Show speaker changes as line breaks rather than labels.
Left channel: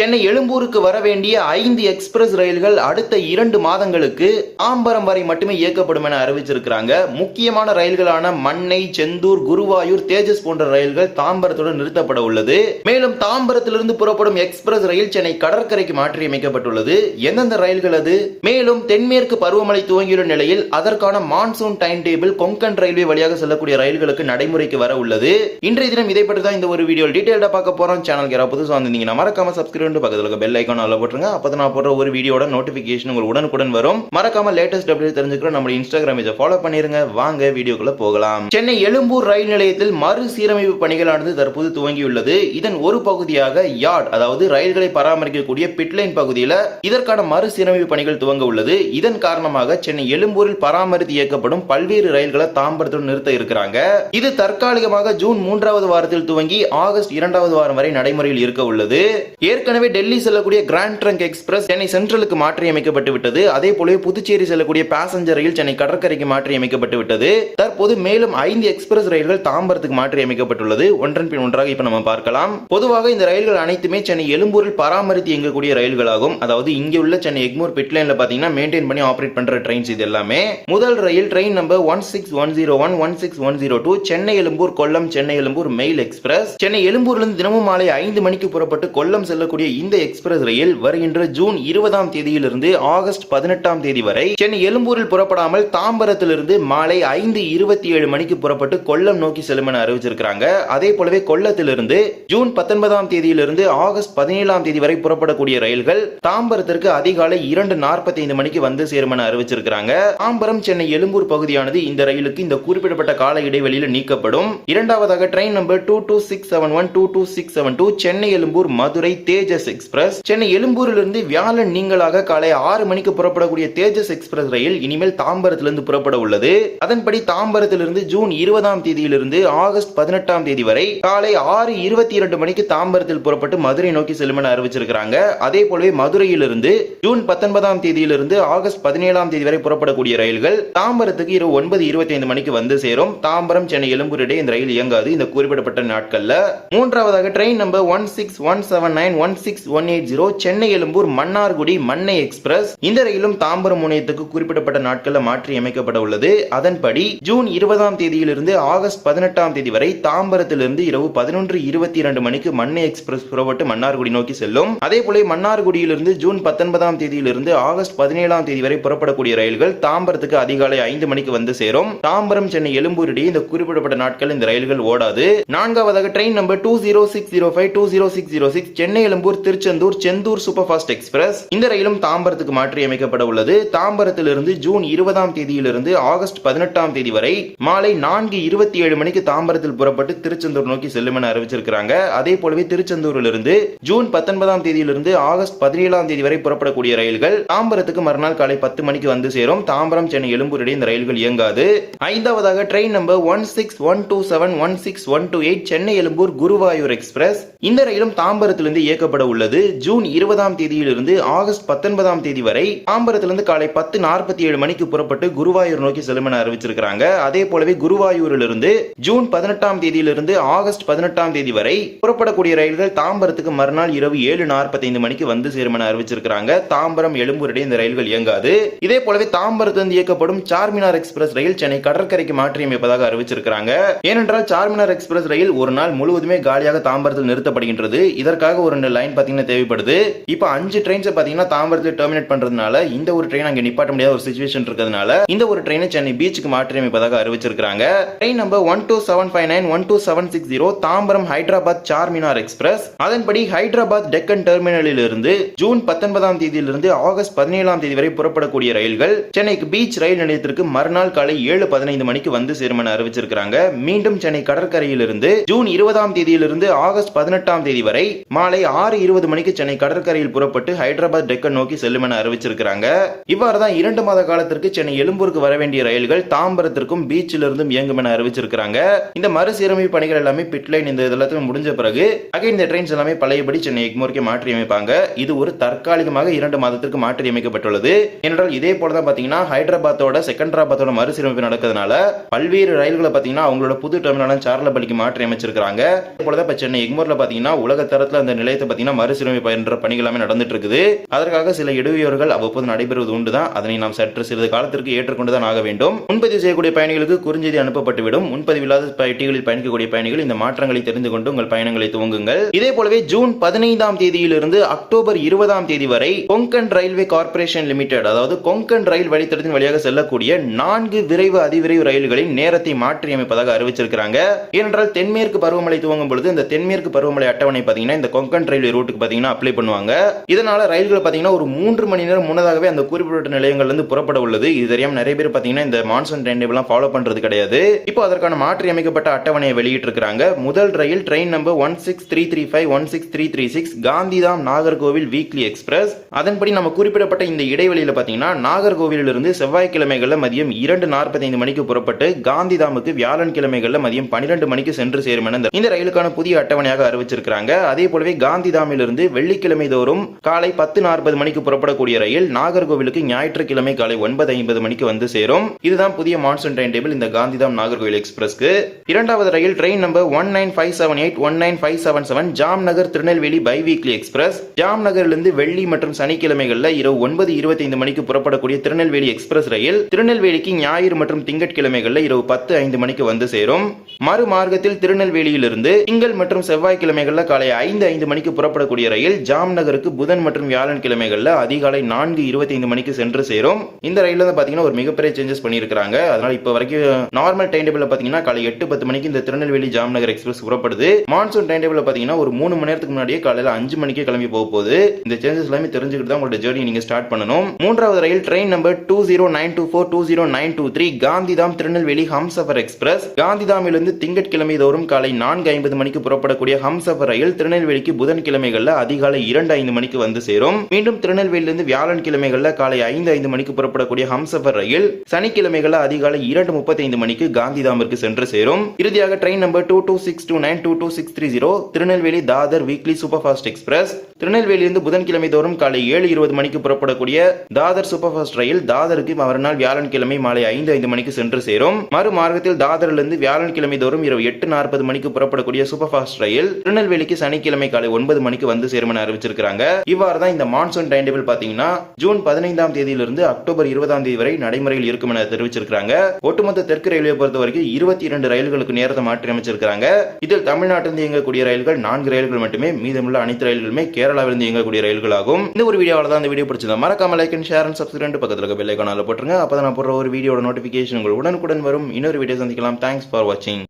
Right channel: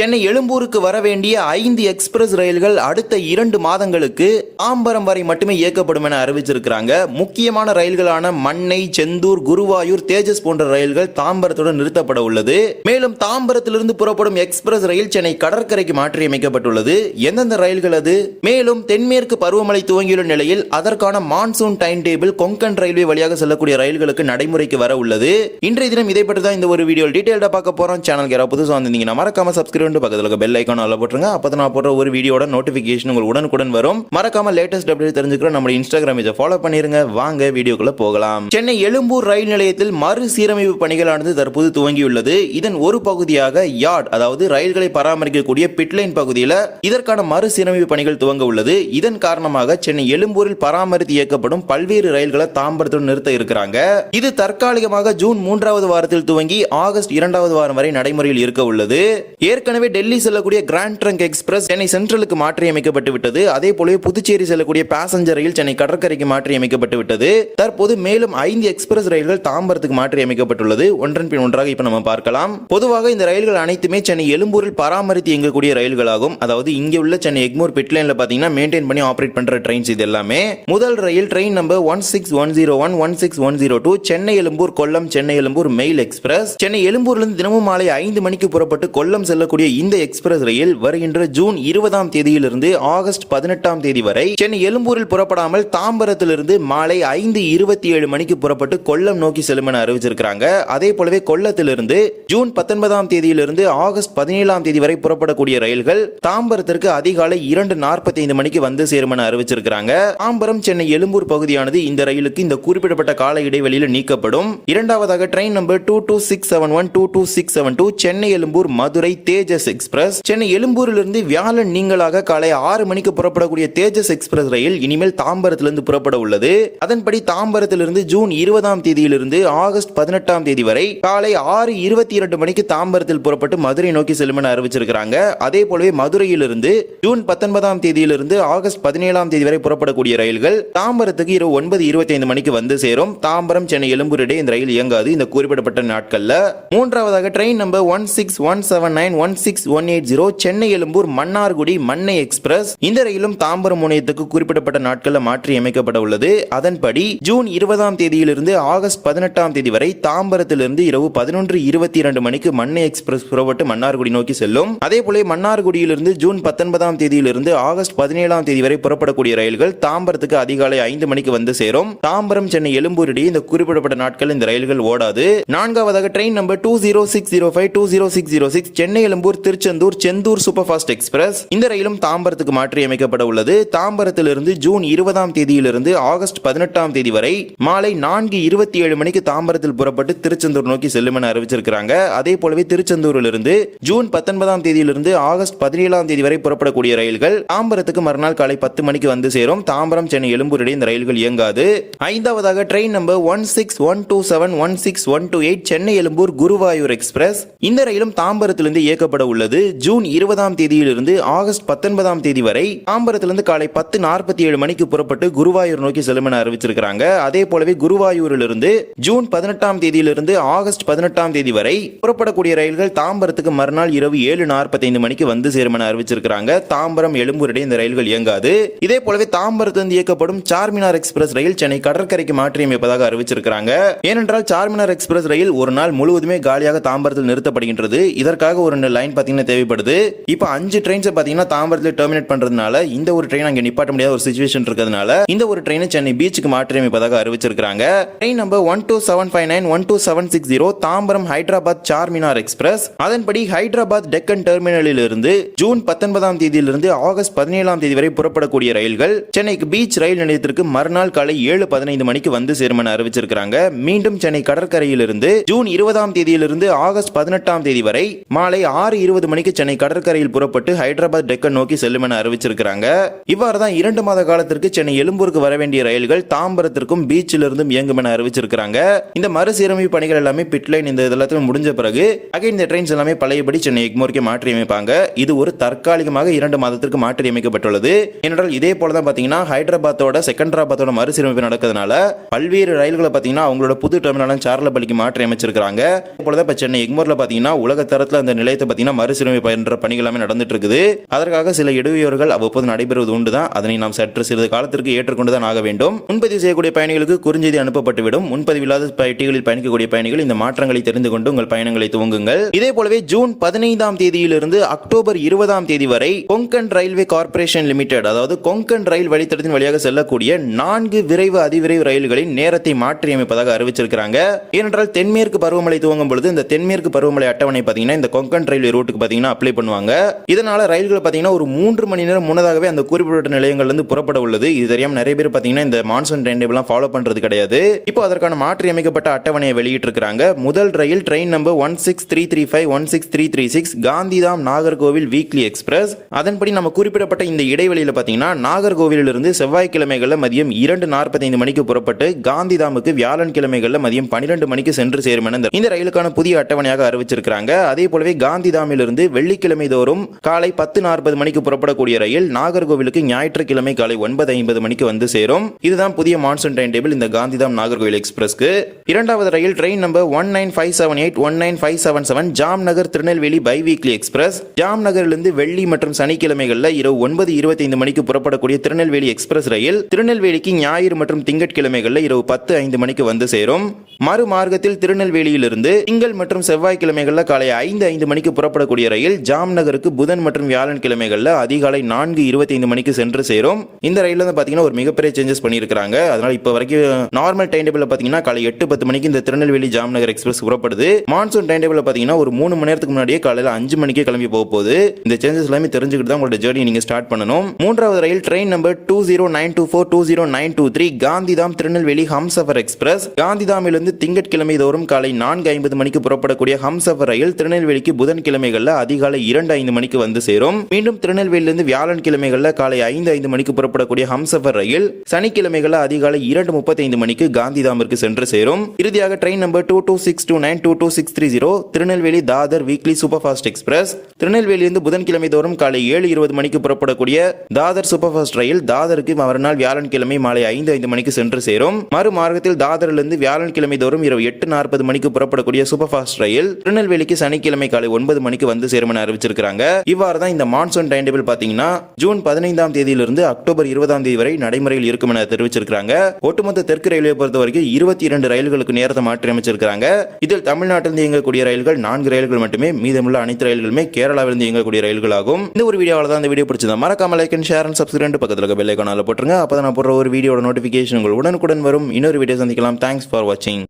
சென்னை எழும்பூருக்கு வர வேண்டிய ஐந்து எக்ஸ்பிரஸ் ரயில்கள் அடுத்த இரண்டு மாதங்களுக்கு ஆம்பரம் வரை மட்டுமே இயக்கப்படும் என அறிவிச்சிருக்கிறாங்க. முக்கியமான ரயில்களான மண்ணை செந்தூர் குருவாயூர் தேஜஸ் போன்ற ரயில்கள் தாம்பரத்துடன் நிறுத்தப்பட உள்ளது. மேலும் தாம்பரத்திலிருந்து புறப்படும் எக்ஸ்பிரஸ் ரயில் சென்னை கடற்கரைக்கு மாற்றியமைக்கப்பட்டுள்ளது. எந்தெந்த ரயில்கள் அது? மேலும் தென்மேற்கு பருவமழை துவங்கியுள்ள நிலையில் அதற்கான monsoon time table Konkan railway வழியாக செல்லக்கூடிய ரயில்களுக்கு நடைமுறைக்கு வர உள்ளது. இன்றைய தினம் இதை பற்றி தான் இந்த ஒரு வீடியோ டீடைல்டா பார்க்க போறோம். சேனல் யாராவது புதுசாக வந்திருந்தீங்கன்னா மறக்காம சப்ஸ்கிரைப் ரெண்டு பக்கத்தில் இருக்க பெல் ஐக்கான் அதில் போட்டுருங்க. அப்போ நான் போடுற ஒரு வீடியோட நோட்டிஃபிகேஷன் உங்களுக்கு உடனுக்குடன் வரும். மறக்காம லேட்டஸ்ட் அப்டேட் தெரிஞ்சுக்கிற நம்ம இன்ஸ்டாகிராம் இதை ஃபாலோ பண்ணிருங்க. வாங்க வீடியோக்குள்ள போகலாம். சென்னை எழும்பூர் ரயில் நிலையத்தில் மறுசீரமைப்பு பணிகளானது தற்போது துவங்கியுள்ளது. இதன் ஒரு பகுதியாக யார்ட் அதாவது ரயில்களை பராமரிக்கக்கூடிய பிட்லைன் பகுதியில் இதற்கான மறுசீரமைப்பு பணிகள் துவங்க உள்ளது. இதன் காரணமாக சென்னை எழும்பூரில் பராமரித்து இயக்கப்படும் பல்வேறு ரயில்களை தாம்பரத்துடன் நிறுத்த இருக்கிறாங்க. இது தற்காலிகமாக ஜூன் மூன்றாவது வாரத்தில் துவங்கி ஆகஸ்ட் இரண்டாவது வாரம் வரை நடைமுறையில் இருக்க உள்ளது. ஏற்கனவே டெல்லி செல்லக்கூடிய கிராண்ட் ட்ரங்க் எக்ஸ்பிரஸ் சென்னை சென்ட்ரலுக்கு மாற்றி அமைக்கப்பட்டு விட்டது. அதே போலவே புதுச்சேரி செல்லக்கூடிய பேசஞ்சர் ரயில் சென்னை கடற்கரைக்கு மாற்றி அமைக்கப்பட்டு விட்டது. தற்போது மேலும் ஐந்து எக்ஸ்பிரஸ் ரயில்கள் தாம்பரத்துக்கு மாற்றி அமைக்கப்பட்டுள்ளது ஒன்றன் பின் ஒன்றாக இப்ப நம்ம பார்க்கலாம். பொதுவாக இந்த ரயில்கள் அனைத்துமே சென்னை எழும்பூரில் பராமரித்து இயங்கக்கூடிய ரயில்களாகும். அதாவது இங்கே உள்ள சென்னை எக்மூர் பிட்லைன்ல பாத்தீங்கன்னா மெயின்டைன் பண்ணி ஆபரேட் பண்ற ட்ரெயின்ஸ் இது எல்லாமே. முதல் ரயில் train number one six one zero one one six one zero two Chennai Egmore Kollam Chennai Egmore mail express Chennai எழும்பூர்லிருந்து தினமும் மாலை ஐந்து மணிக்கு புறப்பட்டு கொல்லம் செல்லக்கூடிய கூடிய இந்த எக்ஸ்பிரஸ் ரயில் வருகின்ற ஜூன் இருபதாம் தேதியிலிருந்து ஆகஸ்ட் பதினெட்டாம் தேதி வரை சென்னை எழும்பூரில் புறப்படாமல் தாம்பரத்திலிருந்து மாலை ஐந்து இருபத்தி ஏழு மணிக்கு புறப்பட்டு கொல்லம் நோக்கி செல்லும் என அறிவிச்சிருக்கிறாங்க. அதே போலவே கொல்லத்திலிருந்து ஜூன் பத்தொன்பதாம் தேதியிலிருந்து ஆகஸ்ட் பதினேழாம் தேதி வரை புறப்படக்கூடிய ரயில்கள் தாம்பரத்திற்கு அதிகாலை இரண்டு நாற்பத்தி ஐந்து மணிக்கு வந்து சேரும் என அறிவிச்சிருக்கிறாங்க. தாம்பரம் சென்னை எழும்பூர் பகுதியானது இந்த ரயிலுக்கு இந்த குறிப்பிடப்பட்ட கால இடைவெளியில் நீக்கப்படும். இரண்டாவதாக train number two two six seven one two two six seven two Chennai Egmore Madurai Teja Tejas Express. Chennai எழும்பூரிலிருந்து வியாழன் நீங்களாக காலை ஆறு மணிக்கு புறப்படக்கூடிய தேஜஸ் எக்ஸ்பிரஸ் ரயில் இனிமேல் தாம்பரத்திலிருந்து புறப்பட உள்ளது. அதன்படி தாம்பரத்திலிருந்து ஜூன் இருபதாம் தேதியிலிருந்து ஆகஸ்ட் பதினெட்டாம் தேதி வரை காலை ஆறு இருபத்தி இரண்டு மணிக்கு தாம்பரத்தில் புறப்பட்டு மதுரை நோக்கி செல்லும் என அறிவிச்சிருக்கிறாங்க. அதே போலவே மதுரையிலிருந்து ஜூன் பத்தொன்பதாம் தேதியிலிருந்து ஆகஸ்ட் பதினேழாம் தேதி வரை புறப்படக்கூடிய ரயில்கள் தாம்பரத்துக்கு இரவு ஒன்பது இருபத்தி ஐந்து மணிக்கு வந்து சேரும். தாம்பரம் சென்னை எழும்பூர் இடையே இந்த ரயில் இயங்காது. இந்த குறிப்பிடப்பட்ட நாட்கள்ல மூன்றாவதாக train number one six one seven nine one six one eight zero Chennai Egmore Mannargudi Mannai express இந்த ரயிலும் தாம்பரம் முனையத்துக்கு குறிப்பிடப்பட்ட நாட்களில் மாற்றி அமைக்கப்பட உள்ளது. அதன்படி ஜூன் இருபதாம் தேதியிலிருந்து ஆகஸ்ட் பதினெட்டாம் தேதி வரை தாம்பரத்திலிருந்து இரவு பதினொன்று இருபத்தி இரண்டு மணிக்கு மண்ணை எக்ஸ்பிரஸ் புறப்பட்டு மன்னார்குடி நோக்கி செல்லும். அதே போல மன்னார்குடியிலிருந்து ஜூன் பத்தொன்பதாம் தேதியிலிருந்து ஆகஸ்ட் பதினேழாம் தேதி வரை புறப்படக்கூடிய ரயில்கள் தாம்பரத்துக்கு அதிகாலை ஐந்து மணிக்கு வந்து சேரும். தாம்பரம் சென்னை எழும்பூர் இடையே இந்த குறிப்பிடப்பட்ட நாட்கள் இந்த ரயில்கள் ஓடாது. நான்காவதாக train number two zero six zero five two zero six zero six Chennai Egmore Tiruchendur Chendur super fast express இந்த ரயிலும் தாம்பரத்துக்கு மாற்றி அமைக்கப்பட உள்ளது. தாம்பரத்திலிருந்து ஜூன் இருபதாம் தேதியிலிருந்து ஆகஸ்ட் பதினெட்டாம் தேதி வரை மாலை நான்கு இருபத்தி ஏழு மணிக்கு தாம்பரத்தில் புறப்பட்டு திருச்செந்தூர் நோக்கி செல்லும் என அறிவிச்சிருக்கிறாங்க. அதே போலவே திருச்செந்தூரிலிருந்து ஜூன் பத்தொன்பதாம் தேதியிலிருந்து ஆகஸ்ட் பதினேழாம் தேதி வரை புறப்படக்கூடிய ரயில்கள் தாம்பரத்துக்கு மறுநாள் காலை பத்து மணிக்கு வந்து சேரும். தாம்பரம் சென்னை எழும்பூர் இடையே இந்த ரயில்கள் இயங்காது. ஐந்தாவதாக train number one six one two seven one six one two eight Chennai Egmore Guruvayur express இந்த ரயிலும் தாம்பரத்திலிருந்து இயக்கப்பட உள்ளது. ஜூன் இருபதாம் தேதியிலிருந்து ஆகஸ்ட் பத்தொன்பதாம் தேதி வரை தாம்பரத்திலிருந்து காலை பத்து நாற்பத்தி ஏழு மணிக்கு புறப்பட்டு குருவாயூர் நோக்கி செல்லும் என அறிவிச்சிருக்கிறாங்க. அதே போலவே குருவாயூரிலிருந்து ஜூன் பதினெட்டாம் தேதியிலிருந்து ஆகஸ்ட் பதினெட்டாம் தேதி வரை புறப்படக்கூடிய ரயில்கள் தாம்பரத்துக்கு மறுநாள் இரவு ஏழு நாற்பத்தைந்து மணிக்கு வந்து சேரும் என அறிவிச்சிருக்கிறாங்க. தாம்பரம் எழும்பூர் இடையே இந்த ரயில்கள் இயங்காது. இதே போலவே தாம்பரத்திலிருந்து இயக்கப்படும் சார்மினார் எக்ஸ்பிரஸ் ரயில் சென்னை கடற்கரைக்கு மாற்றியமைப்பதாக அறிவிச்சிருக்கிறாங்க. ஏனென்றால் சார்மினார் எக்ஸ்பிரஸ் ரயில் ஒரு நாள் முழுவதுமே காலியாக தாம்பரத்தில் நிறுத்தப்படுகின்றது. இதற்காக ஒரு லைன் பார்த்தீங்கன்னா தேவைப்படுது. இப்போ அஞ்சு ட்ரெயின்ஸ் பார்த்தீங்கன்னா தாம்பரத்தில் டெர்மினேட் பண்றதுனால இந்த ஒரு ட்ரெயின் அங்கே நிப்பாட்ட முடியாத ஒரு சுச்சுவேஷன் இருக்கிறதுனால இந்த ஒரு ட்ரெயினை சென்னை பீச்சுக்கு மாற்றி அமைப்பதாக அறிவிச்சிருக்காங்க train number one two seven five nine one two seven six zero Tambaram Hyderabad Charminar express. அதன்படி ஹைதராபாத் டெக்கன் டெர்மினலில் இருந்து ஜூன் பத்தொன்பதாம் தேதியிலிருந்து ஆகஸ்ட் பதினேழாம் தேதி வரை புறப்படக்கூடிய ரயில்கள் சென்னைக்கு பீச் ரயில் நிலையத்திற்கு மறுநாள் காலை ஏழு பதினைந்து மணிக்கு வந்து சேரும் என அறிவிச்சிருக்கிறாங்க. மீண்டும் சென்னை கடற்கரையிலிருந்து ஜூன் இருபதாம் தேதியிலிருந்து ஆகஸ்ட் பதினெட்டாம் தேதி வரை மாலை ஆறு இருபது மணிக்கு சென்னை கடற்கரையில் புறப்பட்டு ஹைதராபாத் டெக்கன் நோக்கி செல்லும் என அறிவிச்சிருக்காங்க இவ்வாறு தான் இரண்டு மாத காலத்திற்கு சென்னை எழும்பூருக்கு வர வேண்டிய ரயில்கள் தாம்பரத்திற்கும் பீச்சிலிருந்தும் இயங்கும் என அறிவிச்சிருக்காங்க இந்த மறுசீரமைப்பு பணிகள் எல்லாமே பிட்லைன் இந்த எல்லாத்தையும் முடிஞ்ச பிறகு அகைன் இந்த ட்ரெயின்ஸ் எல்லாமே பழையபடி சென்னை எக்மோருக்கு மாற்றி அமைப்பாங்க இது ஒரு தற்காலிகமாக இரண்டு மாதத்திற்கு மாற்றி அமைக்கப்பட்டுள்ளது ஏனென்றால் இதே போல தான் பாத்தீங்கன்னா ஹைதராபாத்தோட செகண்டராபாத்தோட மறுசீரமைப்பு நடக்கிறதுனால பல்வேறு ரயில்களை பாத்தீங்கன்னா அவங்களோட புது டெர்மினலான சார்லபள்ளிக்கு மாற்றி அமைச்சிருக்காங்க போல தான் இப்போ சென்னை எக்மோர்ல பாத்தீங்கன்னா உலக தரத்துல அந்த நிலையத்தை பார்த்தீங்கன்னா மறுசீரமைப்பு என்ற பணிகள் எல்லாமே நடந்துட்டு இருக்குது அதற்காக சில இடையூறுகள் அவ்வப்போது நடைபெறுவது உண்டுதான். அதனை நாம் சற்று சிறிது காலத்திற்கு ஏற்றுக்கொண்டுதான் ஆக வேண்டும். முன்பதிவு செய்யக்கூடிய பயணிகளுக்கு குறுஞ்செய்தி அனுப்பப்பட்டுவிடும். முன்பதிவு இல்லாத பெட்டிகளில் பயணிக்கக்கூடிய பயணிகள் இந்த மாற்றங்களை தெரிந்து கொண்டு உங்கள் பயணங்களை துவங்குங்கள். இதே போலவே ஜூன் பதினைந்தாம் தேதியிலிருந்து அக்டோபர் இருபதாம் தேதி வரை கொங்கன் ரயில்வே கார்ப்பரேஷன் லிமிடெட் அதாவது கொங்கன் ரயில் வழித்தடத்தின் வழியாக செல்லக்கூடிய நான்கு விரைவு அதிவிரைவு ரயில்களின் நேரத்தை மாற்றி அமைப்பதாக அறிவிச்சிருக்கிறாங்க. ஏனென்றால் தென்மேற்கு பருவமழை துவங்கும் பொழுது இந்த தென்மேற்கு பருவமழை அட்டவணை பார்த்தீங்கன்னா இந்த கொங்கன் ரயில்வே ரூட்டுக்கு பார்த்தீங்கன்னா அப்ளை பண்ணுவாங்க. இதனால ரயில்கள் பார்த்தீங்கன்னா ஒரு மூன்று மணி நேரம் முன்னதாகவே அந்த குறிப்பிட்ட நிலையங்கள்ல இருந்து புறப்பட உள்ளது இது தெரியாம நிறைய பேர் பார்த்தீங்கன்னா இந்த மான்சூன் டைம் டேபிள்லாம் ஃபாலோ பண்றது கிடையாது. இப்போ அதற்கான மாற்றி அமைக்கப்பட்ட அட்டவணையை வெளியிட்டிருக்கிறாங்க. முதல் ரயில் train number one six three three five one six three three six Gandhidham Nagercoil weekly express அதன்படி நம்ம குறிப்பிடப்பட்ட இந்த இடைவெளியில் பார்த்தீங்கன்னா நாகர்கோவிலிருந்து செவ்வாய்க்கிழமைகளில் மதியம் இரண்டு நாற்பத்தைந்து மணிக்கு புறப்பட்டு காந்திதாமுக்கு வியாழன் கிழமைகளில் மதியம் பன்னிரண்டு மணிக்கு சென்று சேரும் என இந்த- ரயிலுக்கான புதிய அட்டவணையாக அறிவிச்சிருக்கிறாங்க. அதே போலவே காந்திதாமிலிருந்து வெள்ளிக்கிழமை தோறும் காலை பத்து நாற்பது மணிக்கு புறப்படக்கூடிய ரயில் நாகர்கோவிலுக்கு ஞாயிற்றுக்கிழமை காலை ஒன்பது ஐம்பது மணிக்கு வந்து சேரும். இதுதான் புதிய மான்சூன் டைம் டேபிள் இந்த காந்திதாம் நாகர்கோவில் எக்ஸ்பிரஸ்க்கு. இரண்டாவது ரயில் train number one nine five seven eight one nine five seven seven Jamnagar Tirunelveli by weekly express jam நகரிலிருந்து வெள்ளி மற்றும் சனிக்கிழமைகளில் இரவு ஒன்பது இருபத்தைந்து மணிக்கு புறப்படக்கூடிய திருநெல்வேலி எக்ஸ்பிரஸ் ரயில் திருநெல்வேலிக்கு ஞாயிறு மற்றும் திங்கட்கிழமைகளில் இரவு பத்து ஐந்து மணிக்கு வந்து சேரும். மறு மார்க்கத்தில் திருநெல்வேலியிலிருந்து திங்கள் மற்றும் செவ்வாய்க்கிழமைகளில் காலை ஐந்து ஐந்து மணிக்கு புறப்பட புறப்படக்கூடிய ரயில் ஜாம் நகருக்கு புதன் மற்றும் வியாழன் கிழமைகளில் அதிகாலை நான்கு இருபத்தைந்து மணிக்கு சென்று சேரும். இந்த ரயில் வந்து பார்த்தீங்கன்னா ஒரு மிகப்பெரிய சேஞ்சஸ் பண்ணியிருக்காங்க அதனால இப்போ வரைக்கும் நார்மல் டைம் டேபிள் பார்த்தீங்கன்னா காலை எட்டு பத்து மணிக்கு இந்த திருநெல்வேலி ஜாம் நகர் எக்ஸ்பிரஸ் புறப்படுது. மான்சூன் டைம் டேபிள் பார்த்தீங்கன்னா ஒரு மூணு மணி நேரத்துக்கு முன்னாடியே காலையில் அஞ்சு மணிக்கே கிளம்பி போக போகுது. இந்த சேஞ்சஸ் எல்லாமே தெரிஞ்சுக்கிட்டு தான் உங்களோட ஜேர்னி நீங்க ஸ்டார்ட் பண்ணணும். மூன்றாவது ரயில் train number two zero nine two four two zero nine two three Gandhidham Tirunelveli Humsafar express காந்திதாமிலிருந்து திங்கட்கிழமை தோறும் காலை நான்கு ஐம்பது மணிக்கு புறப்படக்கூடிய ஹம்சஃபர் ரயில் திருநெல்வேலிக்கு புதன்கிழமை புதன்கிழமைகளில் அதிகாலை இரண்டு ஐந்து மணிக்கு வந்து சேரும். மீண்டும் திருநெல்வேலியிலிருந்து வியாழன் கிழமைகளில் காலை ஐந்து ஐந்து மணிக்கு புறப்படக்கூடிய ஹம்சஃபர் ரயில் சனிக்கிழமைகளில் அதிகாலை இரண்டு முப்பத்தைந்து மணிக்கு காந்திதாமிற்கு சென்று சேரும். இறுதியாக train number two two six two nine two two six three zero Tirunelveli Dadar weekly super fast express. திருநெல்வேலியிலிருந்து புதன்கிழமை தோறும் காலை ஏழு இருபது மணிக்கு புறப்படக்கூடிய தாதர் சூப்பர் ஃபாஸ்ட் ரயில் தாதருக்கு மறுநாள் வியாழன்கிழமை மாலை ஐந்து ஐந்து மணிக்கு சென்று சேரும். மறு மார்க்கத்தில் தாதரிலிருந்து வியாழன்கிழமை தோறும் இரவு எட்டு நாற்பது மணிக்கு புறப்படக்கூடிய சூப்பர் ஃபாஸ்ட் ரயில் திருநெல்வேலிக்கு சனிக்கிழமை காலை ஒன்பது மணி மணிக்கு வந்து சேரும் அறிவிச்சிருக்காங்க இவ்வாறு தான் இந்த மான்சூன் டைம் டேபிள் பாத்தீங்கன்னா ஜூன் பதினைந்தாம் தேதியிலிருந்து அக்டோபர் இருபதாம் தேதி வரை நடைமுறையில் இருக்கும் என தெரிவிச்சிருக்காங்க ஒட்டுமொத்த தெற்கு ரயில்வே பொறுத்த வரைக்கும் இருபத்தி இரண்டு ரயில்களுக்கு நேரத்தை மாற்றி அமைச்சிருக்காங்க இதில் தமிழ்நாட்டிலிருந்து இயங்கக்கூடிய ரயில்கள் நான்கு ரயில்கள் மட்டுமே மீதமுள்ள அனைத்து ரயில்களுமே கேரளாவிலிருந்து இயங்கக்கூடிய ரயில்கள் ஆகும் இந்த ஒரு வீடியோவில் தான் இந்த வீடியோ பிடிச்சதா மறக்காம like and share and subscribe பக்கத்தில் இருக்க பெல் போட்டுருங்க. அப்போ நான் போடுற ஒரு வீடியோட நோட்டிஃபிகேஷன் உங்கள் உடனுக்குடன் வரும். இன்னொரு வீடியோ சந்திக்கலாம். தேங்க்ஸ் ஃபார் வாட்சிங்